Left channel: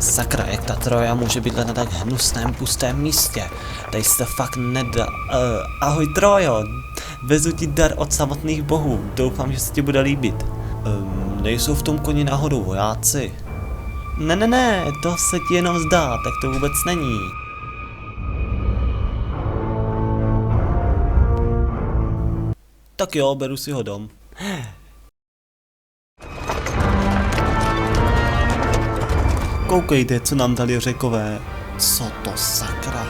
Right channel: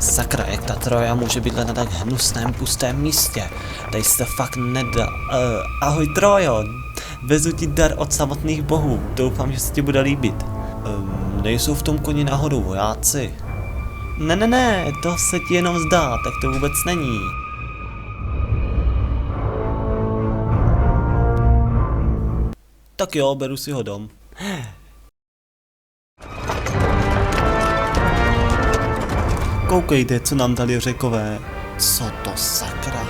Sakra, jak ta Troja může být na tak hnusném, pustém místě? Tady se to fakt nedá. Ahoj Trojo, vezu ti dar od samotných bohů, doufám, že se ti bude líbit. Nejsou v tom koni náhodou vojáci? Ne, to se ti jenom zdá, tak to vůbec není. Tak jo, beru si ho dom. Koukejte, co nám dali Řekové. Co to sakra?